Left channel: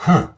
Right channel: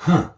Huh.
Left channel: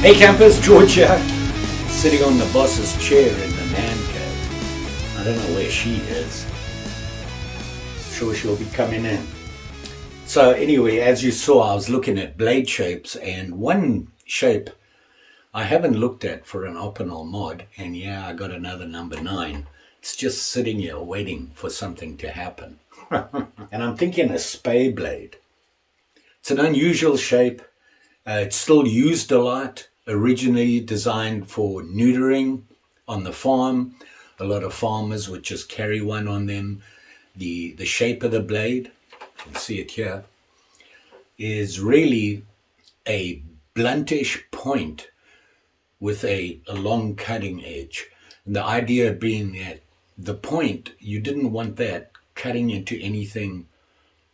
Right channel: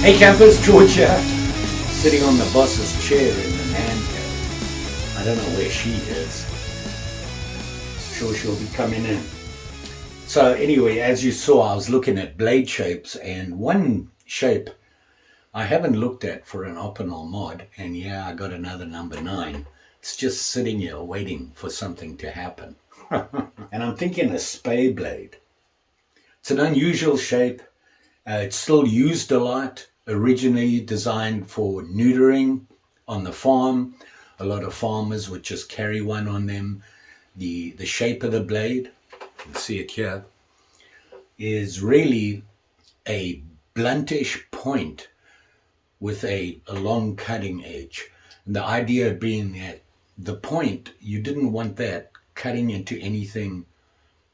Hey campers, George here, sitting on the boss's chair in the man cave. I don't know where she is. Sure she'll be coming in. So anyway, as you saw, I was looking at blade shapes, and one shape I haven't looked at for an Opinel Mod, and yeah, I got another number 9. It's just sitting here waiting for something to happen. And I'm thinking a spay blade. It's an unusual shape. It's still used a lot. Originally designed for neutering on the farm. A lot of farmers would just carry one on them. The shape of the blade, you can see it here, is really a bluntish point with a long cutting edge. And the idea being that the point, you didn't want that cutting into anything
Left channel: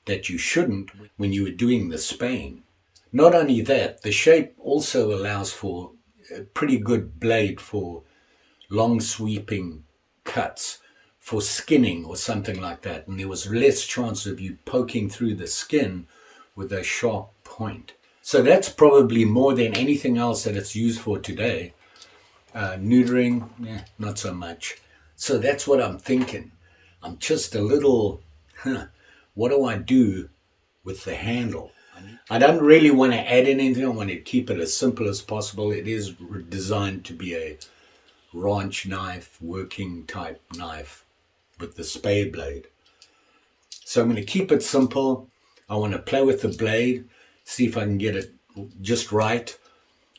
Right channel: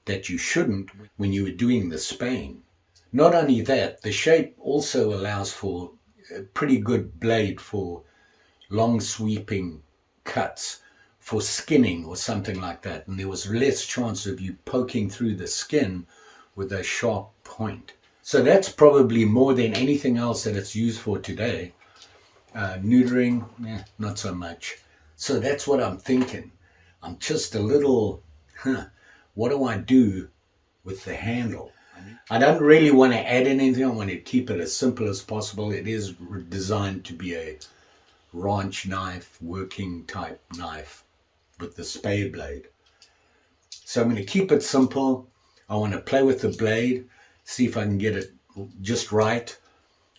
that you shouldn't when you were doing the spaying. Not only that, the shape also allows for a pretty good blade for long sweeping cuts, for skinning or something like that. And there was less chance of you poking through the skin with a sharp point. So that's probably more than anything else that it's used for today. Neutering, not so much. So that's what I'm thinking. I'm just a little, what do I do with the handle? I don't really want to add anything. I want to keep it as simple as possible. It is designed to be a ranch knife, working type knife with the spay blade. So I'm going to keep it simple. I want to play with the blade, see if I can get it just right.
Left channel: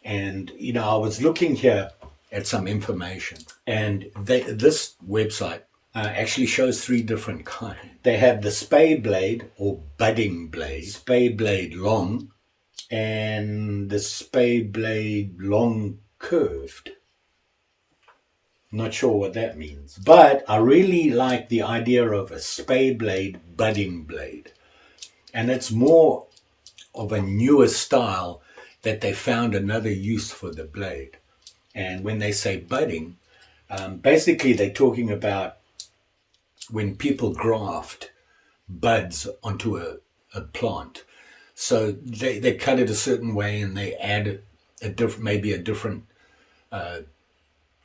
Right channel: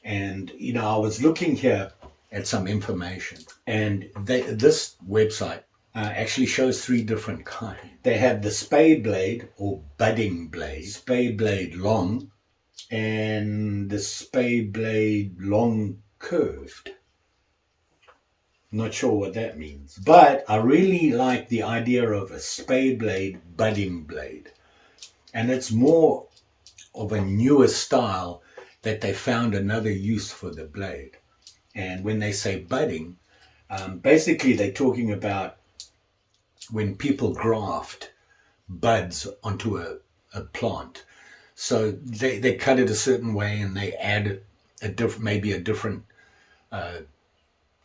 And, you know, I was looking here at some information, and this website actually shows 3 different kinds. They have the spay blade or budding blade, spay blade long, and the spay blade long curved. Not sure what that means, but I really like the idea of a spay blade budding blade, and it's more of a newer style that they found another use for the blade. And when they say budding, basically they're talking about when people graft buds onto a plant. So they cut it a certain way, and they add maybe a different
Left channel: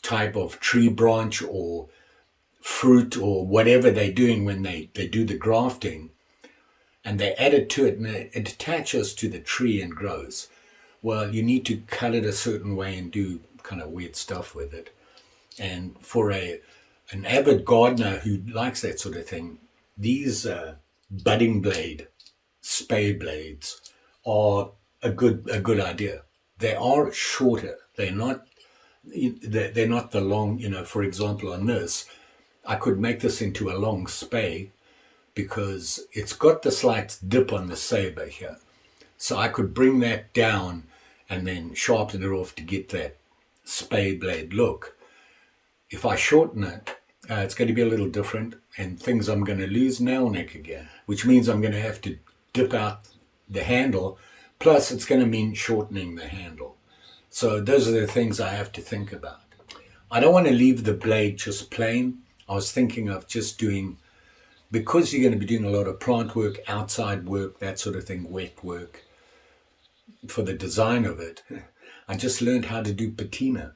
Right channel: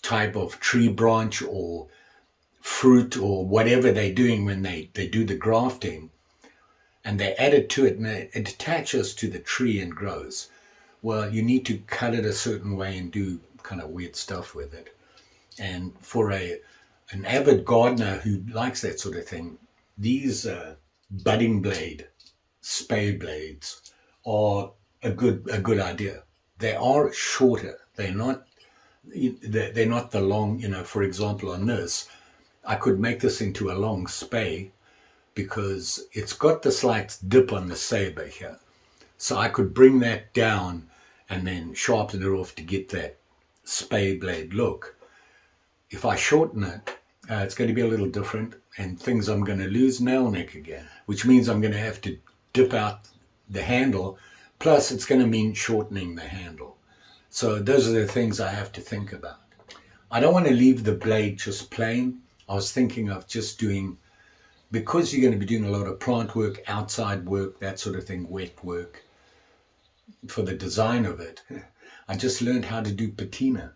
type of tree branch or fruit or whatever they're doing when they do the grafting, and they add it to it, and it attaches to the tree and grows. Well, you need to cut it a certain way and do kind of weird stuff with it. And for an avid gardener who likes that sort of thing, these budding blade spay blades are a good idea. They are shorter. They're not the long, you know, for example, on this, I could make this into a long spay because it's got the slight dip on the saber here. So I could bring that down and then sharpen it off to get that spay blade look. If I shorten it, it's going to be a little different, and things I'm going to lose nail neck again, which means I'm going to have to dip out the handle, plus it's going to mean shortening the handle. So those are the things I have to think about. I don't want to leave the blade just plain. I was thinking of just doing, because you're going to be doing a lot of plant work, outside work, that sort of thing, wet work, for the design of it, I just learned how to do patina.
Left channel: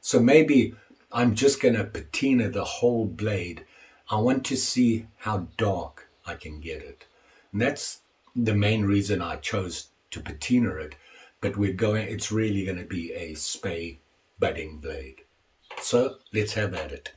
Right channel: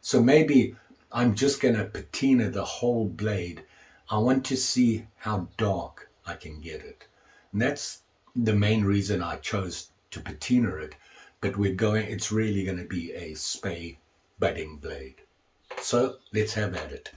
So maybe I'm just going to patina the whole blade. I want to see how dark I can get it. And that's the main reason I chose to patina it. But it's really going to be a spay budding blade. So let's have at it.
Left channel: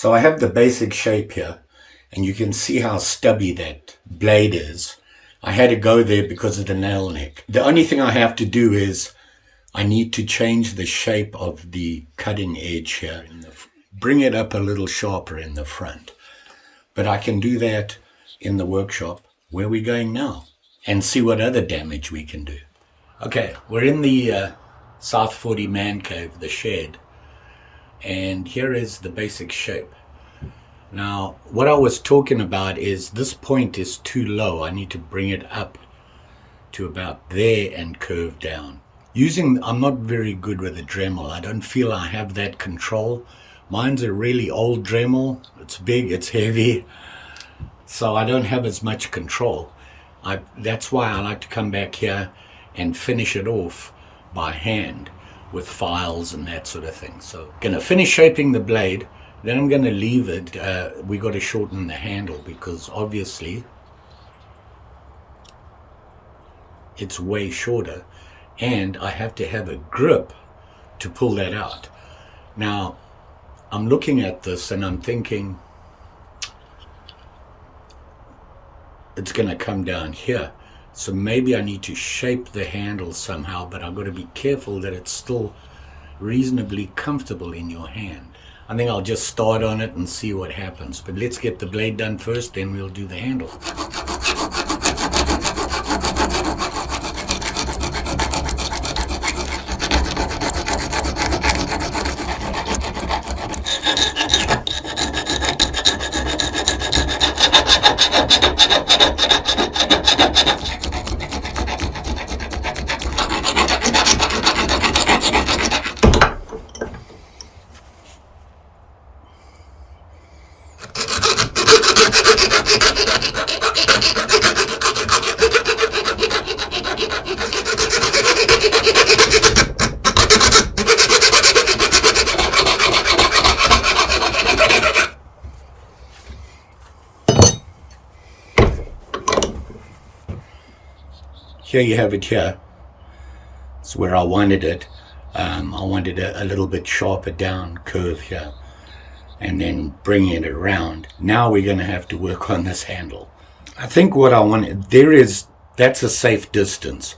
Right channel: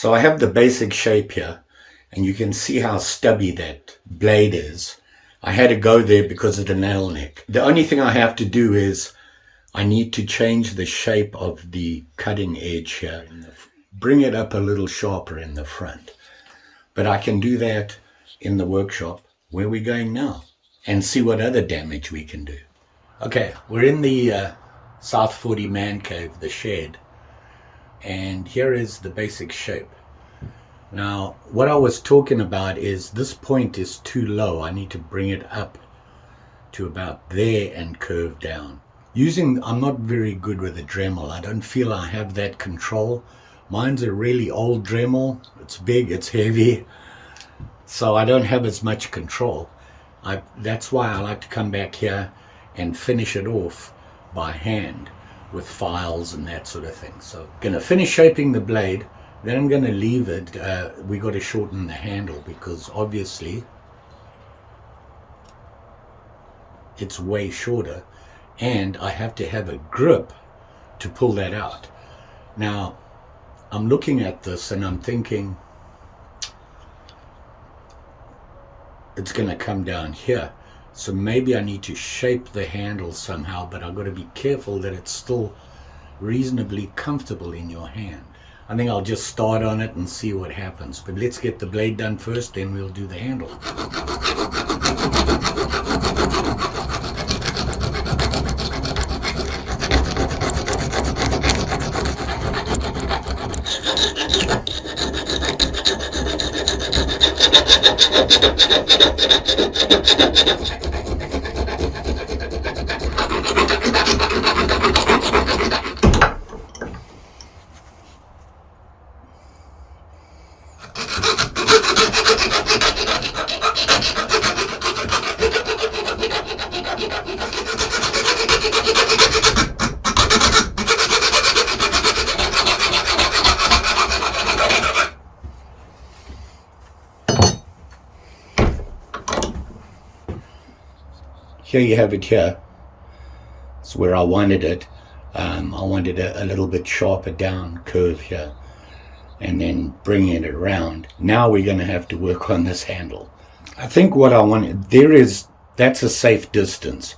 So I have the basic shape here, and you can see how stubby that blade is. I had to go there because of the nail neck. The only thing I have to do is I need to change the shape of the cutting edge here, bring it up a little sharper in the front. But I can do that in the workshop where we're going now and see what other damage we can do. Okay, we're in the South 40 man cave, the shed, and here is the basic shape. Now, what I was talking about is this point is too low. I need to bring it up to about there and curve down. I'm not very good with a Dremel. I don't feel I have that control. Mine's a really old Dremel. It's big, it's heavy, so I don't have as much control. That's why I like to come back here and finish it off by hand with files and that sort of thing. So I'm going to finish shaping the blade. Then I'm going to leave it. We got to shorten the handle because obviously it's way shorter, and I have to have a grip to pull that out. Now, I'm looking at this and I'm thinking it's going to come down here. So maybe I need to shape the handle somehow, but I've got to be careful that it's still reasonably comfortable in your hand. I think I'll just start on it and see what happens. But let's get the blade done first, then we'll do the handle. Here you have it here. It's where I wanted it. I wanted a little bit sharper down curve here, and then bringing it around. Now we're going to have to work on this handle. I think what I want, that's a safe distance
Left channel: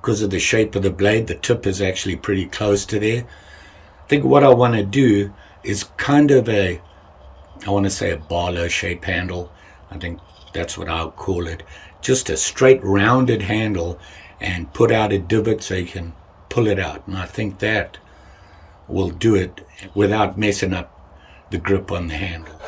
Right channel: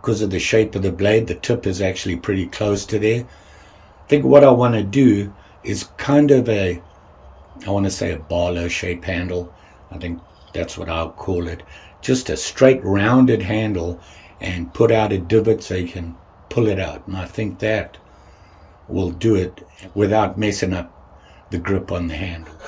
because of the shape of the blade. The tip is actually pretty close to there. I think what I want to do is kind of I want to say a Barlow shape handle. I think that's what I'll call it. Just a straight rounded handle, and put out a divot so you can pull it out. And I think that will do it without messing up the grip on the handle.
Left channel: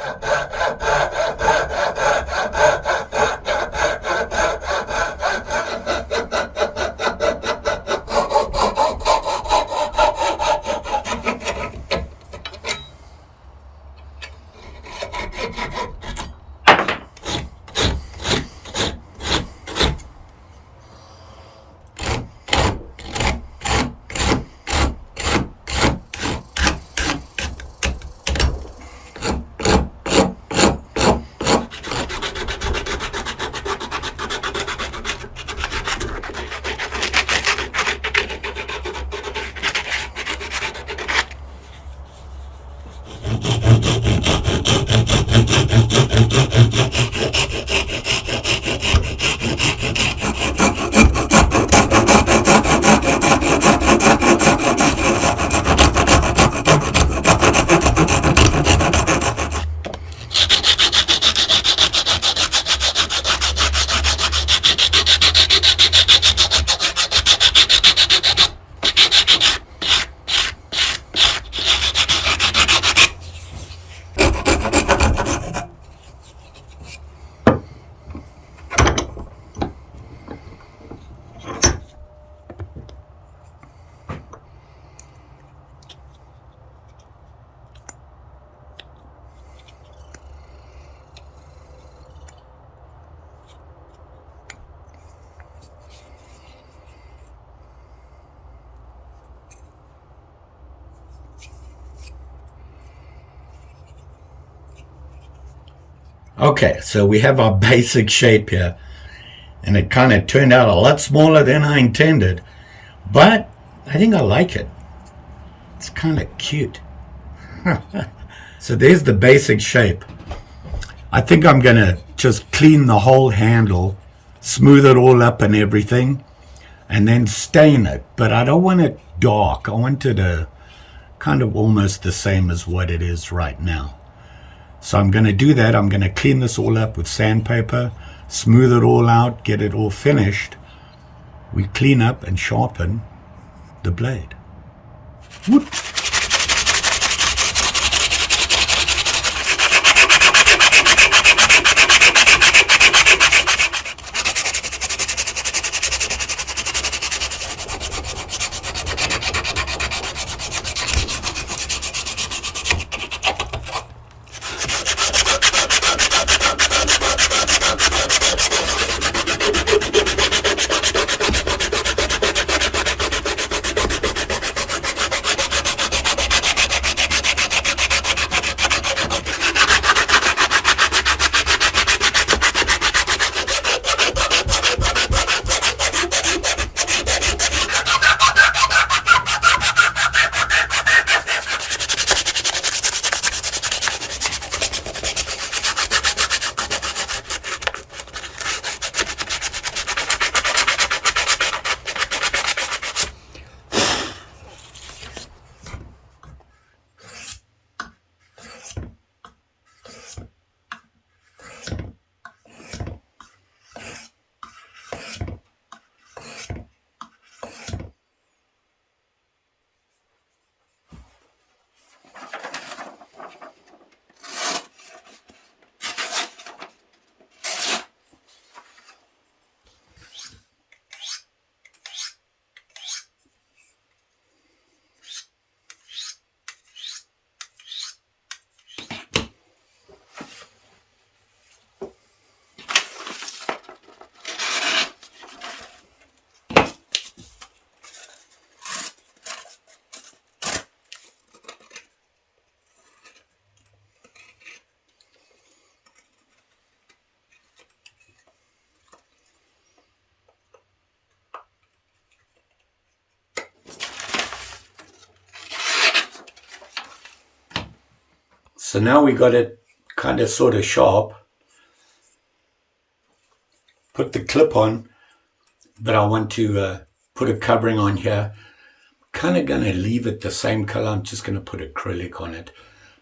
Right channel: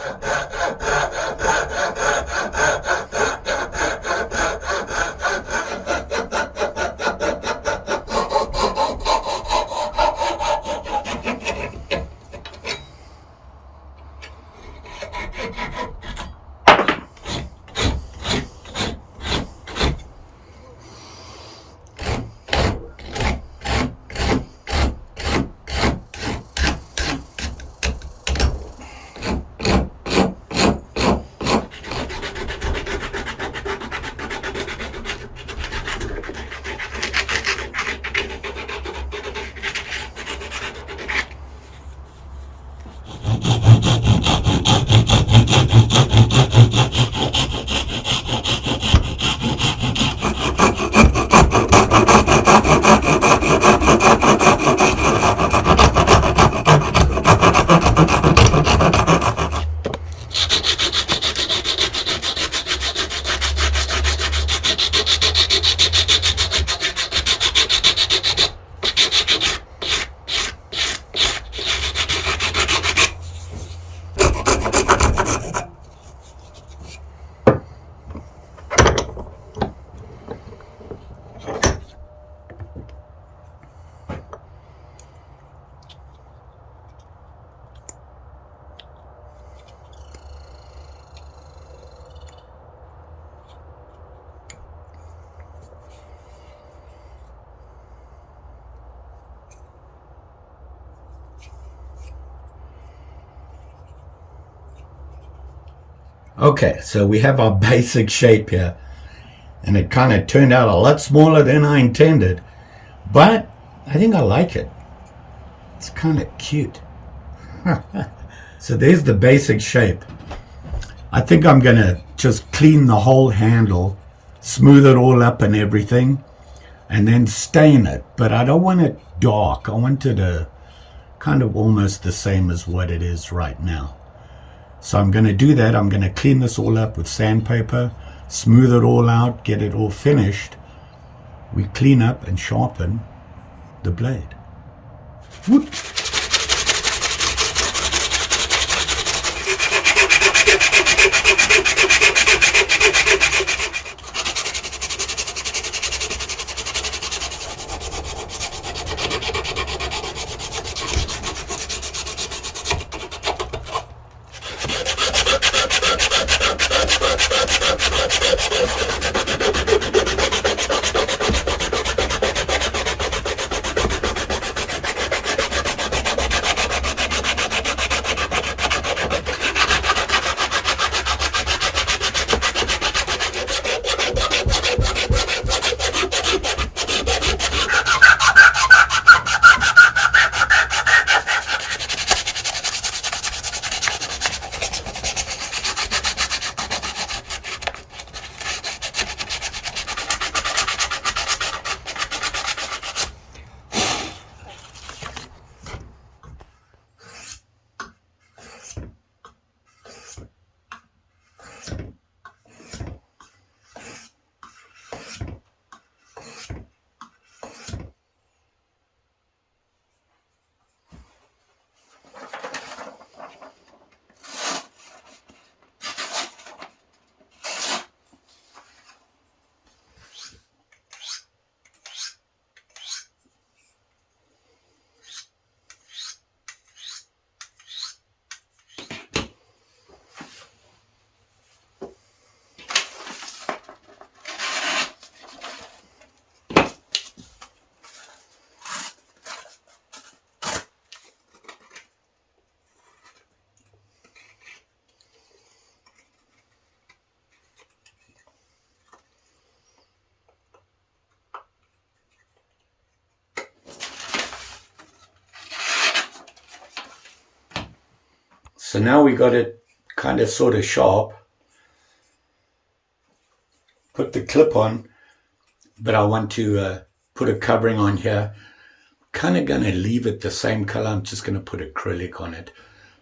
Okay, so we have our basic shape here, and it kind of turned out a lot smaller than I intended, but I think I like it. It's kind of cute. So there's the basic shape. I think I'm going to just clean the whole handle, smooth it all up and everything, and then stain it. But I don't want it dark. I want it kind of almost the same as what it is right now. So I'm going to do that. I'm going to clean this all up with sandpaper, smooth it all out, get it all finished. We clean up and sharpen the blade. Whoop. So now we got it kind of sort of sharp. Put the clip on, but I want to put a covering on here. Kind of going to leave it the same color. I'm just going to put acrylic on it.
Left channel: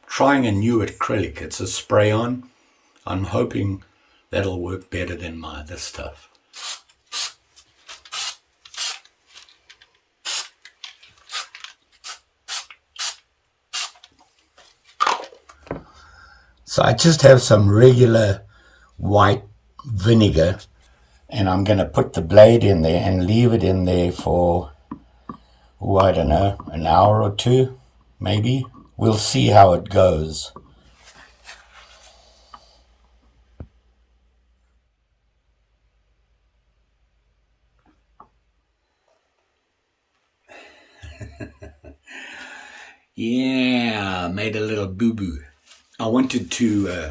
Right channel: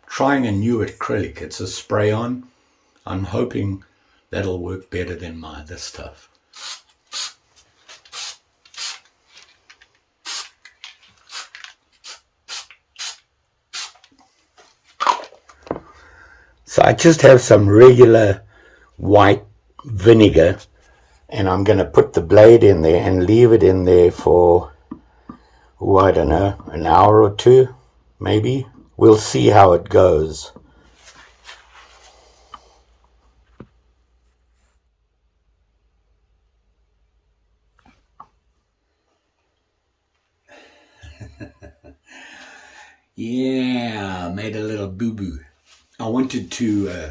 Trying a new acrylic. It's a spray on. I'm hoping that'll work better than my other stuff. So I just have some regular white vinegar, and I'm going to put the blade in there and leave it in there for, oh, I don't know, an hour or two, maybe. We'll see how it goes. Yeah, made a little boo-boo. I wanted to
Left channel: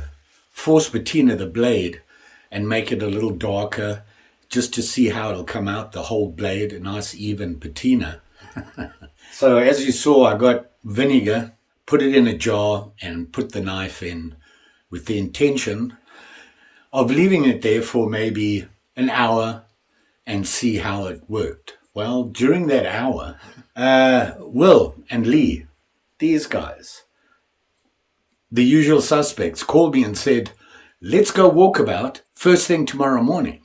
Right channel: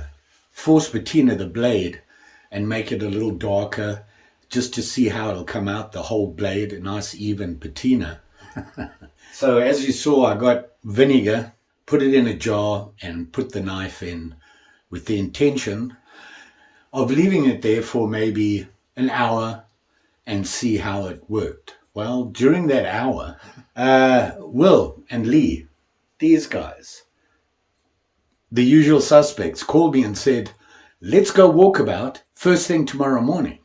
force patina the blade and make it a little darker just to see how it'll come out, the whole blade, a nice even patina. So as you saw, I got vinegar, put it in a jar and put the knife in with the intention of leaving it there for maybe an hour and see how it worked. Well, during that hour, Will and Lee, these guys, the usual suspects, called me and said, let's go walkabout first thing tomorrow morning.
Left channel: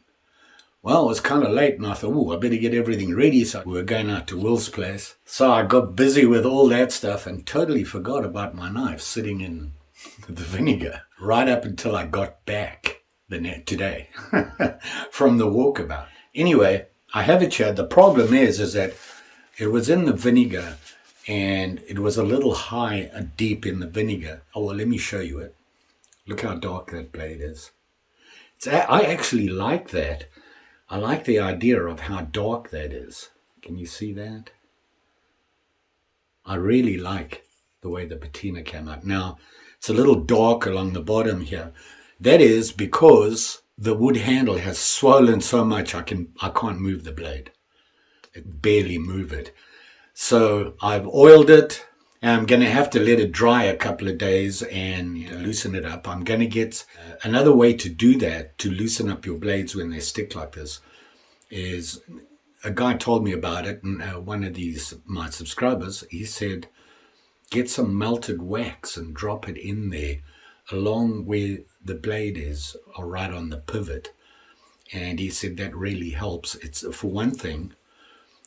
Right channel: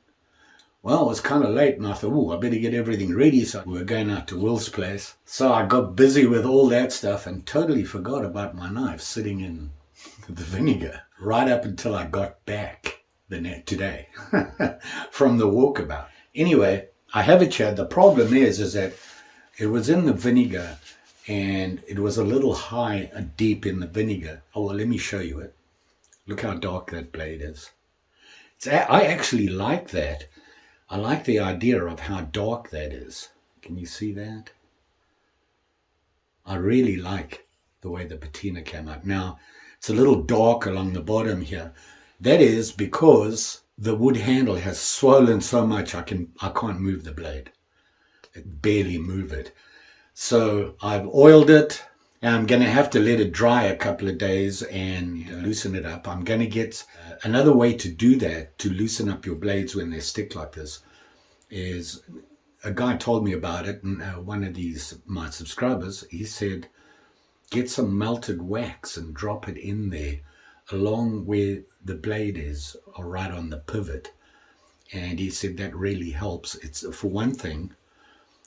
Well, it was kind of late and I thought, oh, I better get everything ready. So we were going out to Will's place. So I got busy with all that stuff and totally forgot about my knife sitting in the vinegar right up until I got back today from the walkabout. Anyway, I have it here. The problem is that it was in the vinegar and it was a little high, deep in the vinegar. Oh, well, let me show you it. Look how dark that blade is. I actually like that. I like the idea of how dark that is. Can you see that? I really like the way the patina came out. Now, it's a little dark along the bottom here. That is because the wood handle has swollen so much I can't move the blade. I barely move it. So I've oiled it I'm going to have to let it dry a couple of days and loosen it up. I'm going to get another way to do that, to loosen up your blades when they stick like this, is a guy told me about it, and one of my subscribers, he said, get some melted wax and drop it in there along where the blade is, or right on the pivot. And he said that really helps. It's, for one thing,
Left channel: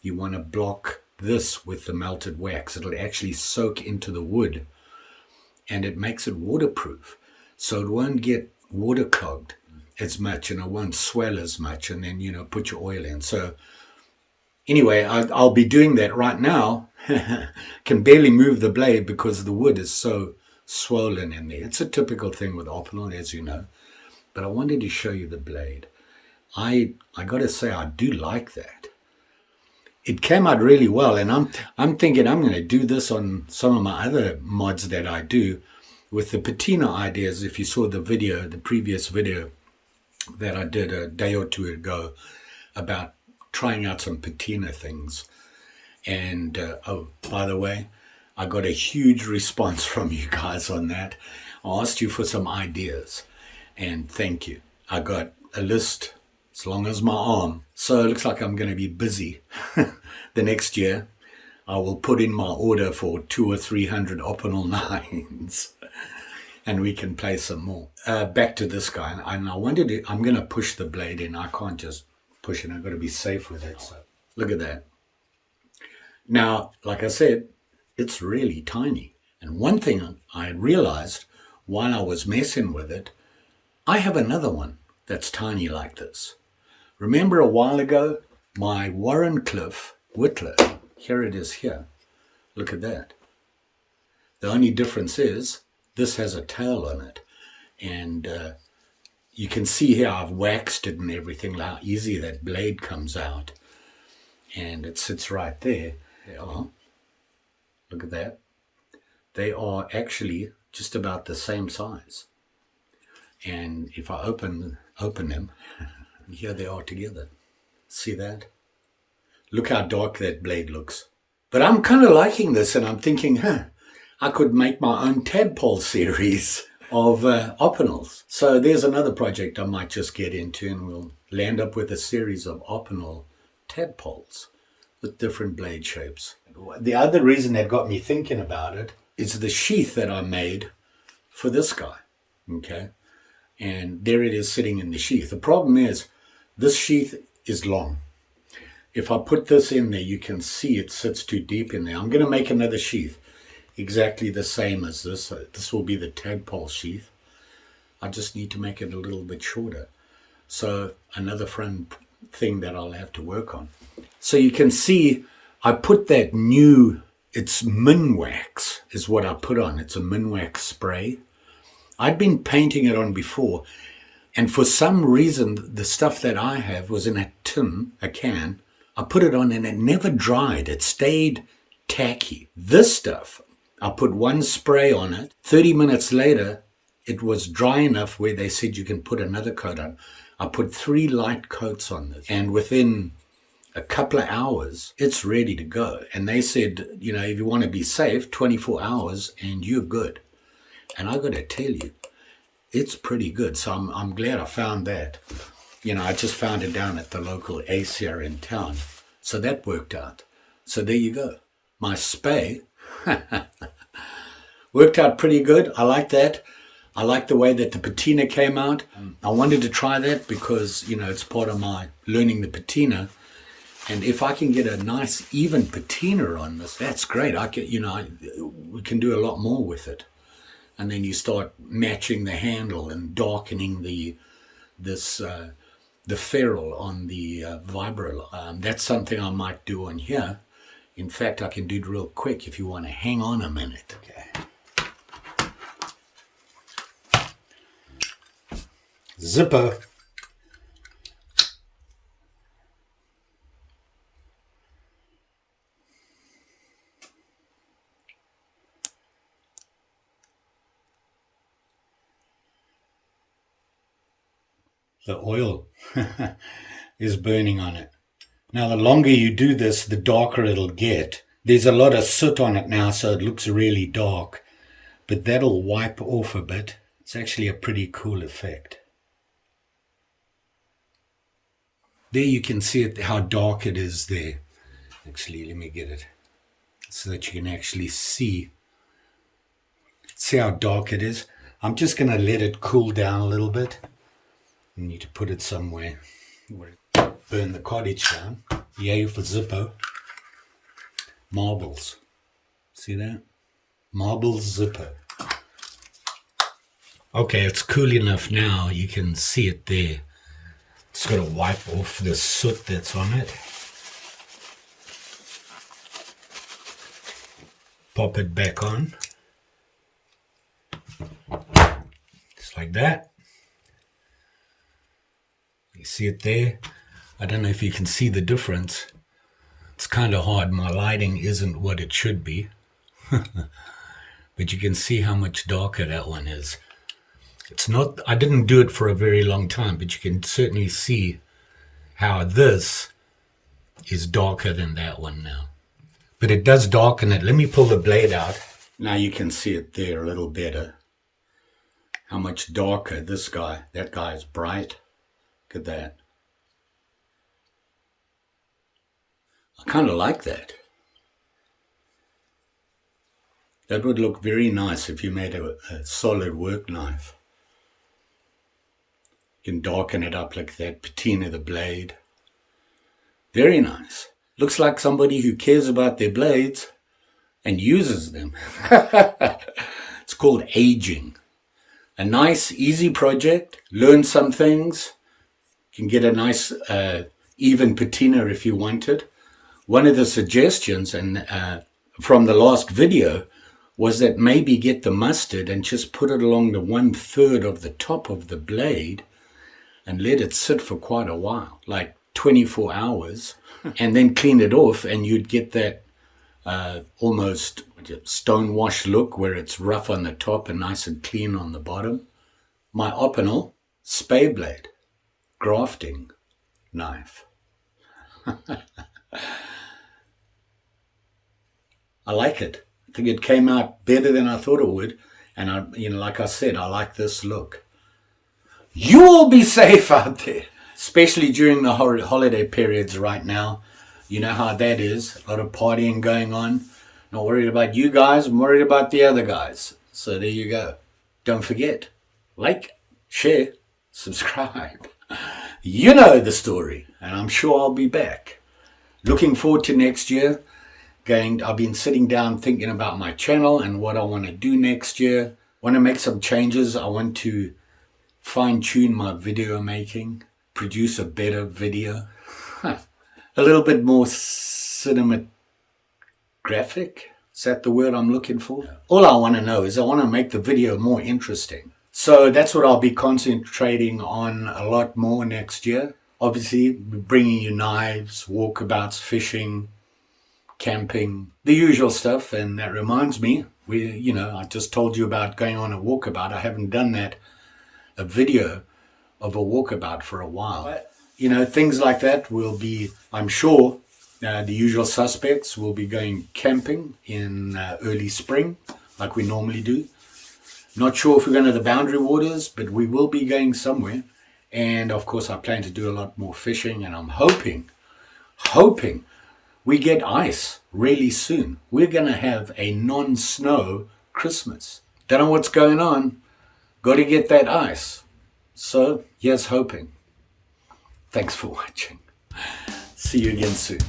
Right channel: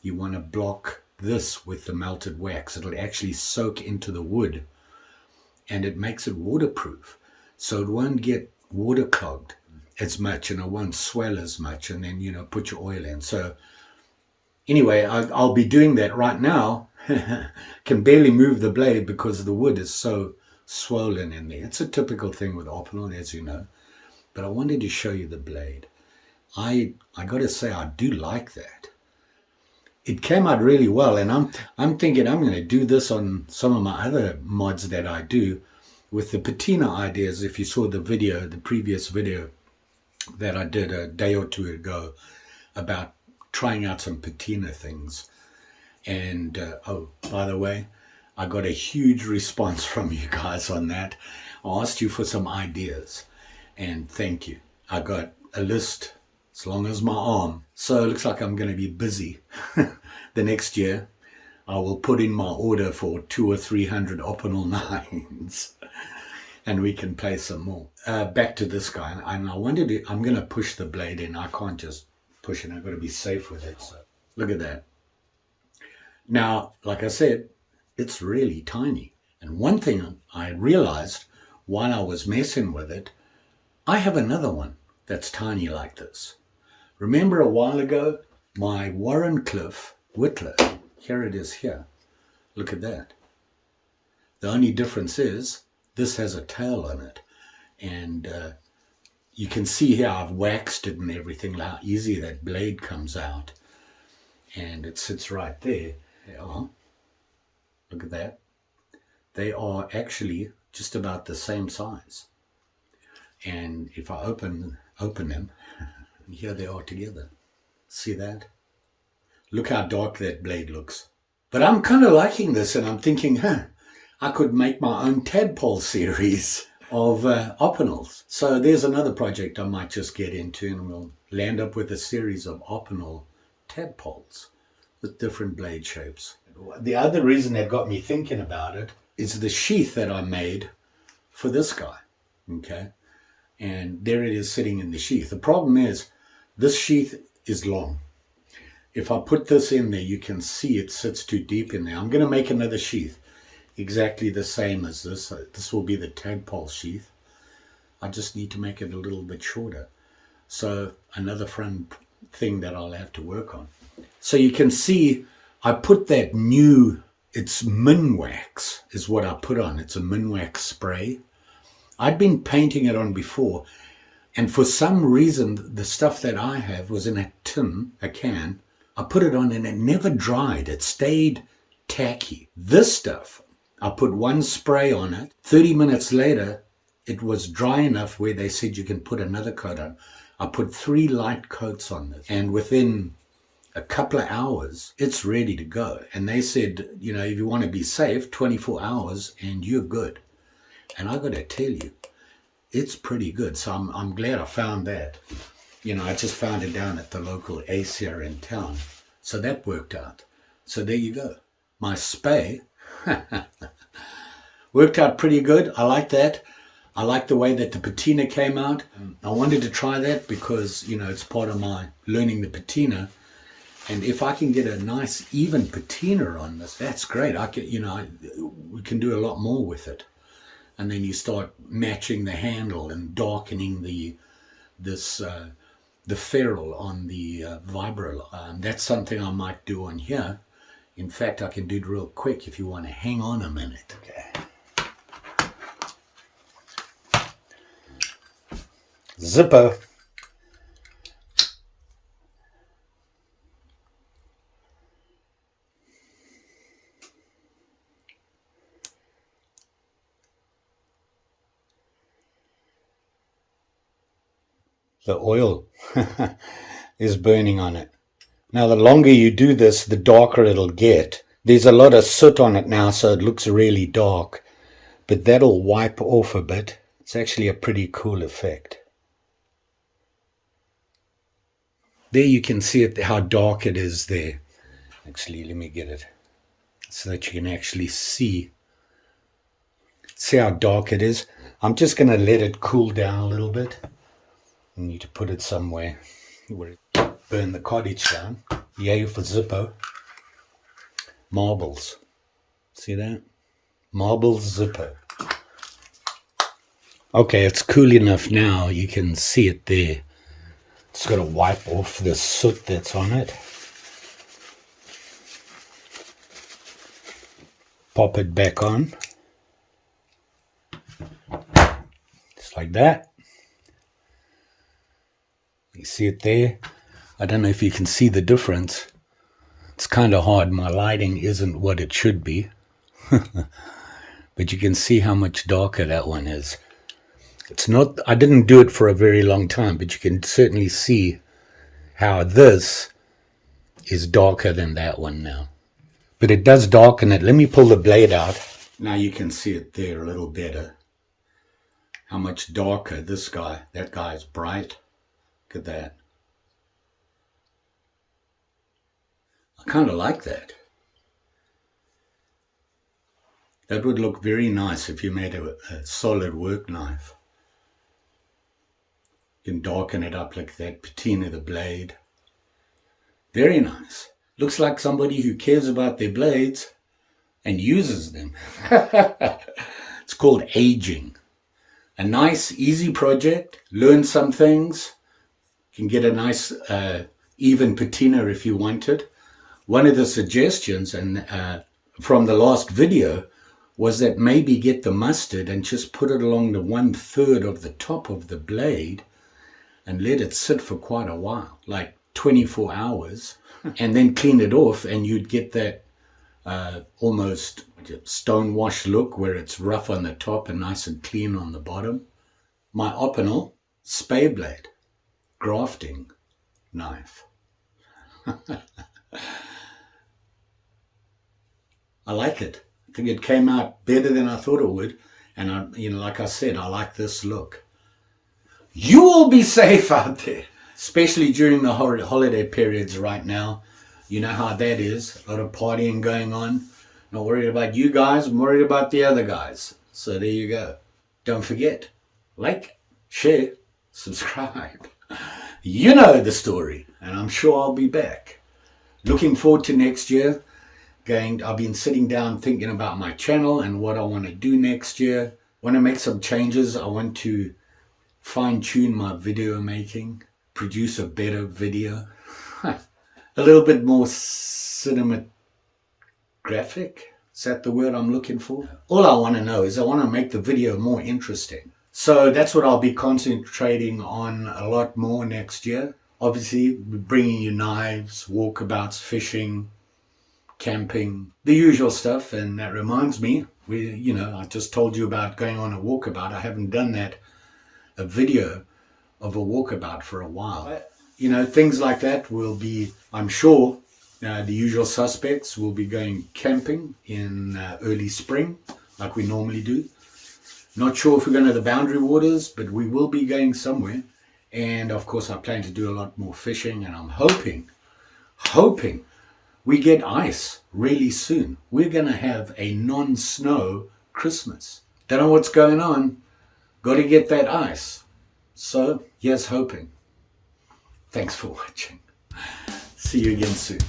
you want to block this with the melted wax. It'll actually soak into the wood, and it makes it waterproof, so it won't get water clogged as much, and it won't swell as much, and then, put your oil in. So anyway, I'll be doing that right now. Can barely move the blade because the wood is so swollen in there. It's a typical thing with Opinel, as you know. But I wanted to show you the blade. I got to say, I do like that. It came out really well, and I'm thinking I'm going to do this on some of my other mods that I do with the patina ideas. If you saw the video, the previous video that I did a day or two ago about trying out some patina things. And oh, by the way, I got a huge response from you guys on that. I asked you for some ideas, and thank you. I got a list as long as my arm. So it looks like I'm going to be busy the next year. I will put in my order for 200 or 300 Opinel 9s, and we can play some more. Back to this guy, and I wanted to, I'm going to push the blade in. I can't just push it. I've got to be safe with it. So look at that. Now, like I said, it's really tiny. And one thing I realized while I was messing with it, I have another one that's tiny like this. Remember a while ago, my Warrenclyffe Whittler, here it is here. Look at that. The only difference is this has a tail on it. And you can see here I've waxed it and everything, how easy that blade comes out. And it sits right there. They are. Look at that. They are actually just about the same size. And if I open them, here they are together. See that? Look how dark that blade looks. But I'm kind of liking this, and I'm thinking, I could make my own tadpole series of Opinels. So there's another project I might just get into, and we'll land up with a series of Opinel tadpoles with different blade shapes. The other reason that got me thinking about it is the sheath that I made for this guy, okay? And there it is sitting in the sheath. The problem is this sheath is long. If I put this in there, you can see it sits too deep in there. I'm going to make another sheath exactly the same as this. This will be the tadpole sheath. I just need to make it a little bit shorter. So another fun thing that I'll have to work on. So you can see I put that new, it's Minwax is what I put on. It's a Minwax spray. I'd been painting it on before, and for some reason the stuff that I have was in a tin, a can. I put it on and it never dried. It stayed tacky. This stuff, I put one spray on it. 30 minutes later, it was dry enough where they said you can put another coat on. I put 3 light coats on this, and within a couple of hours, it's ready to go. And they said, if you want to be safe, 24 hours and you're good. And I got to tell you, it's pretty good. So I'm glad I found that. I just found it down at the local Ace here in town. So that worked out. So there you go. My spay worked out pretty good. I like that. I like the way that the patina came out. I wanted to try that because, it's part of my learning the patina. And if I can get a nice even patina on this, that's great. We can do a lot more with it. And then you start matching the handle and darkening the ferrule on the vibro. That's something I might do on here. In fact, I can do it real quick if you want to hang on a minute. Okay. Zipper. The oil is burning on it. Now, the longer you do this, the darker it'll get. There's a lot of soot on it now, so it looks really dark, but that'll wipe off a bit. It's actually a pretty cool effect. There you can see it, how dark it is there. Actually, let me get it so that you can actually see how dark it is. I'm just going to let it cool down a little bit. I need to put it somewhere where it burn the cottage down. Yay for Zippo. Marbles. See that? Marbles Zippo. Okay, it's cool enough now. You can see it there. It's got to wipe off the soot that's on it. Pop it back on. Just like that. You see it there? I don't know if you can see the difference. It's kind of hard. My lighting isn't what it should be. But you can see how much darker that one is. It's not, I didn't do it for a very long time, but you can certainly see how this is darker than that one now. But it does darken it. Let me pull the blade out. Now you can see it there a little better. How much darker this guy, that guy is bright. Look at that. I kind of like that. That would look very nice if you made a solid work knife. You can darken it up like that, patina the blade. Very nice. Looks like somebody who cares about their blades and uses them. It's called aging. A nice, easy project. Learn some things. You can get a nice, even patina if you want it. One of the suggestions from the last video was that maybe get the mustard and just put it along the 1/3 of the top of the blade and let it sit for quite a while, like 24 hours, and then clean it off, and you'd get that almost stone-wash look where it's rough on the top and nice and clean on the bottom. My Opinel Spey blade, grafting knife. I like it. I think it came out better than I thought it would. And like I said, I like this look. You all be safe out there, especially during the holiday periods right now. You know how that is. A lot of partying going on. Not worried about you guys. I'm worried about the other guys. So there you go. Don't forget, like, share, subscribe. You know the story. And I'm sure I'll be back. Looking forward to next year. I've been sitting down thinking about my channel and what I want to do next year. I want to make some changes. I want to fine-tune my video making, produce a better video, a little bit more cinematographic. Is that the word I'm looking for? All I want to know is I want to make the video more interesting. So that's what I'll be concentrating on a lot more next year. Obviously, bringing you knives, walkabouts, fishing, camping, the usual stuff. And that reminds me, I just told you about going on a walkabout. I haven't done a video of a walkabout for a while. Things like that will be, I'm sure, the usual suspects will be going camping in early spring, like we normally do. Not sure if we're going to the boundary waters, but we will be going somewhere. And of course, I plan to do a lot more fishing, and I'm hoping we get ice really soon. We're going to have a non-snow Christmas. Don't know what's going on. Got to get that ice. So, here's hoping. Thanks for watching. See you again soon.